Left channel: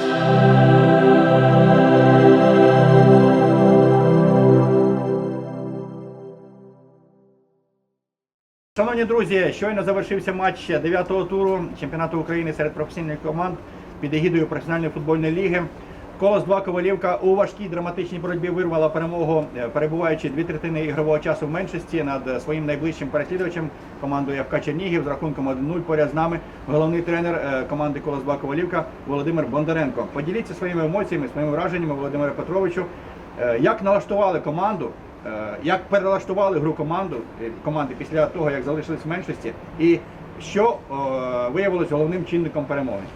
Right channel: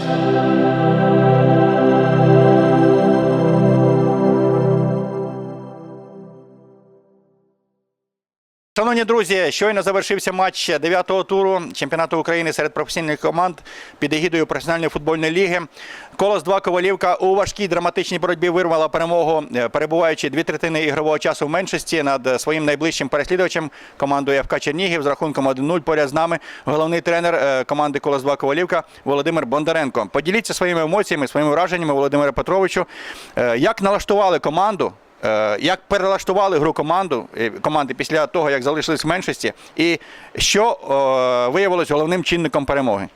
Thank you. Шановні друзі, щойно завершився матч 9-го туру чемпіонату України серед професійних команд під егідою професіональної футбольної ліги. Колос 2 Ковалівка у важкій драматичній боротьбі вирвала перемогу, е, перебуваючи дві третини ігрового часу в меншості над своїм найближчим переслідувачем командою ФК Чернігів з рахунком 1-0. Поряд з нами головний тренер е, команди Колос 2 Ковалівка Володимир Бондаренко. Поділіться своїми емоціями, своїми враженнями, Володимире Петровичу. Е, Як налаштували команду? Е, Як перелаштували гру команду е, команди після того, як залишились в меншості, і що е, виявилось головним чинником перемоги?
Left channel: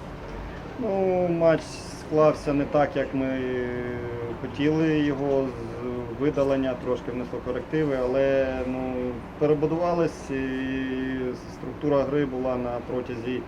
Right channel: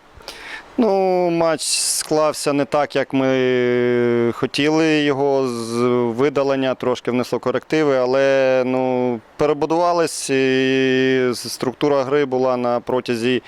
Ну, матч склався не так, як ми хотіли. Його з видалення, трошки внесло корективи, але ну, перебудувались і структура гри була на протязі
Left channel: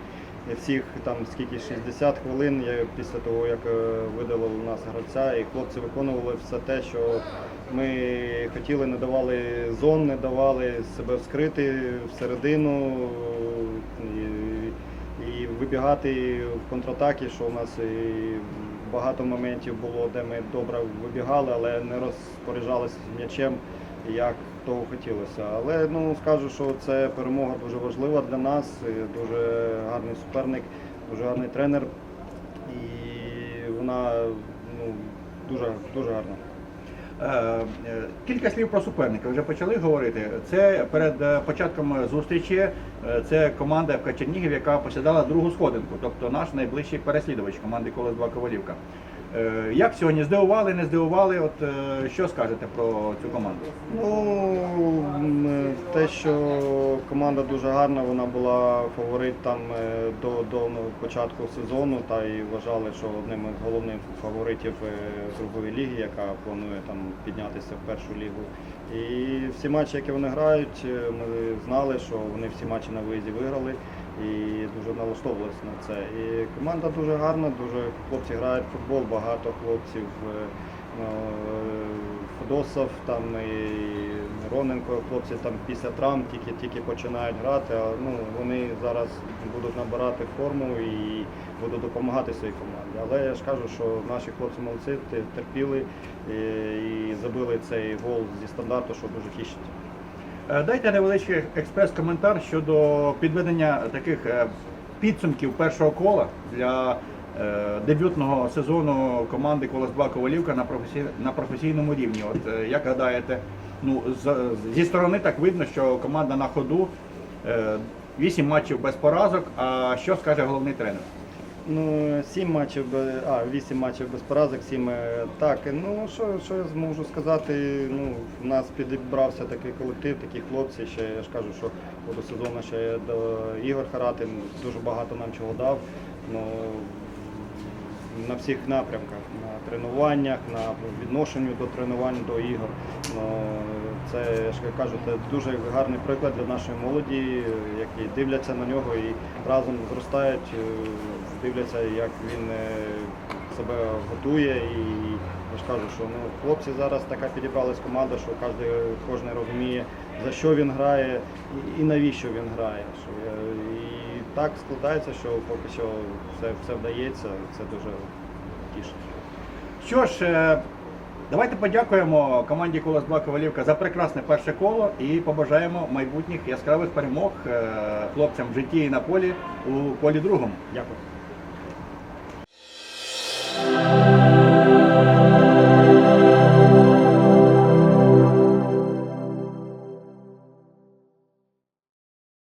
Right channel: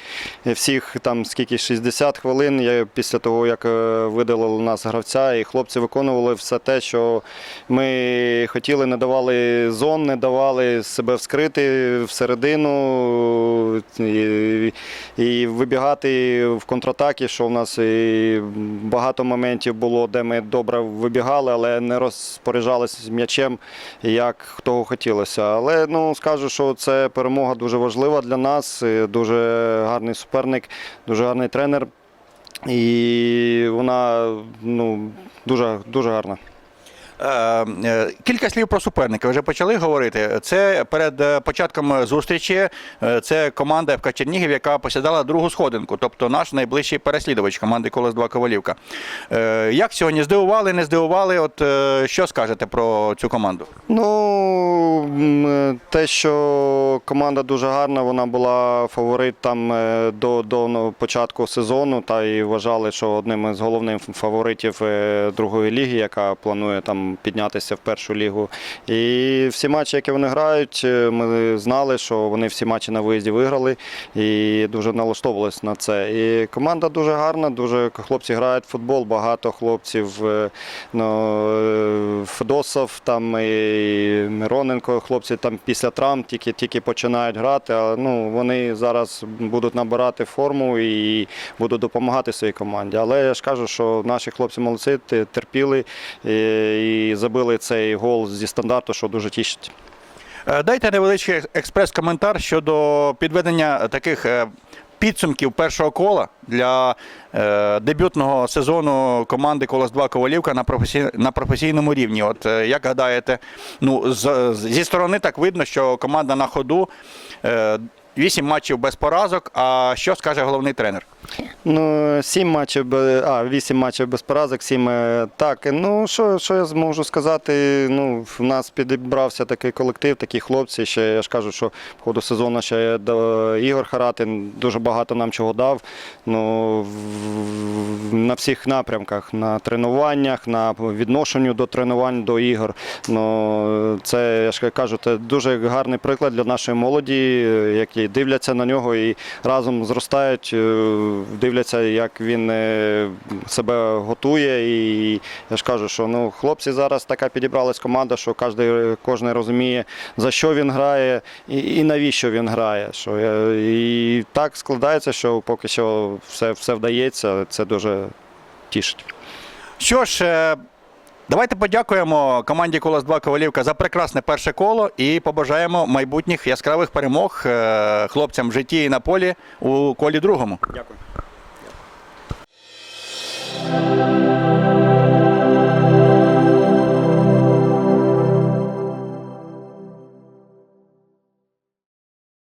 всіх там скільки 60 хвилин. Після того, як е, видалили нас гравця, і хлопці виконували все те, що ми хотіли, не давали зон, не давали себе вскрити всередину і, і вибігати в контратаки, що в нас і багато моментів було, де ми добре вибігали, але не розпоряджалися м'ячем, як хто хотілося. Але ну скажу, що це перемога дуже важлива для нас. Дуже гарний суперник, дуже гарний тренер. І вона ну, дуже, дуже гарна. Е, е, Кілька слів про суперника. Вже почали говорити. Це перед е, початком зустрічі. Це команда ФК Чернігів, яка посідала другу сходинку, тобто наш найближчий переслідувач команди Колос 2 Ковалівка. Як сьогодні здивували, не здивували? От що скажете про цю команду? Ну, те, що команда дуже гарна, вона була фаворит там е, до, до ну, початку сезону, та і вважали, що одним із головних фаворитів е, другої ліги, яка планує там піднятися в першу лігу. І всі матчі, які вони грають, е, ми знали, що вони всі матчі на виїзді виграли і дуже налаштовувалися на це. І команда дуже гарна, дуже хлопці грають в футбол, багато хлопців. Ну, Федосов, там і Мироненко, хлопці там після травм тільки, тільки починають грати. Але ну, вони зараз будуть набирати форму і будуть допомагати своїй команді. Але я ж кажу, що наші хлопці молодці, терпіли і, і забили цей гол зі стандарту, що дуже тішить. Е, Дайте невеличкий експрес-коментар щодо підведення таких е, підсумків першого кола для е, дебютного сезону команди Колос 2 Ковалівка на професій, на професійному рівні. От е, як гадаєте, ну з, зі сторони так видно, що команда на ходу. Е, Вісім матчів без поразок. А що скаже головний тренер? Ну, сім матчів, а, вісім матчів без поразок, сім е, так. Ну, що, що я зможу сказати? Ну, в нас підібрався такий колектив, такі хлопці. Ще я ж кажу, що в ходу сезону ще до Ігор Харатин дуже багато нам чого дав. Ну, на всіх напрямках, на тренуваннях, на відношенню до тренувань до ігор. Ну, це я ж кажу, це дуже гарний приклад для нашої молоді, е, які дивляться на нього і разом зростають, е, дивляться, як він е, себе готує. І я ж кажу, що ну, хлопці зараз така підібралась команда, що кожен, кожен розуміє, за що він грає і, і навіщо він грає. Що, е, і так складається, що поки що все, все вдається, це дуже тішить. Що ж, е, Давайте подякуємо команді Колос 2 Ковалівка за прекрасне перше коло і побажаємо майбутніх яскравих перемог е, хлопцям в житті і на полі у колі другому. Дякую.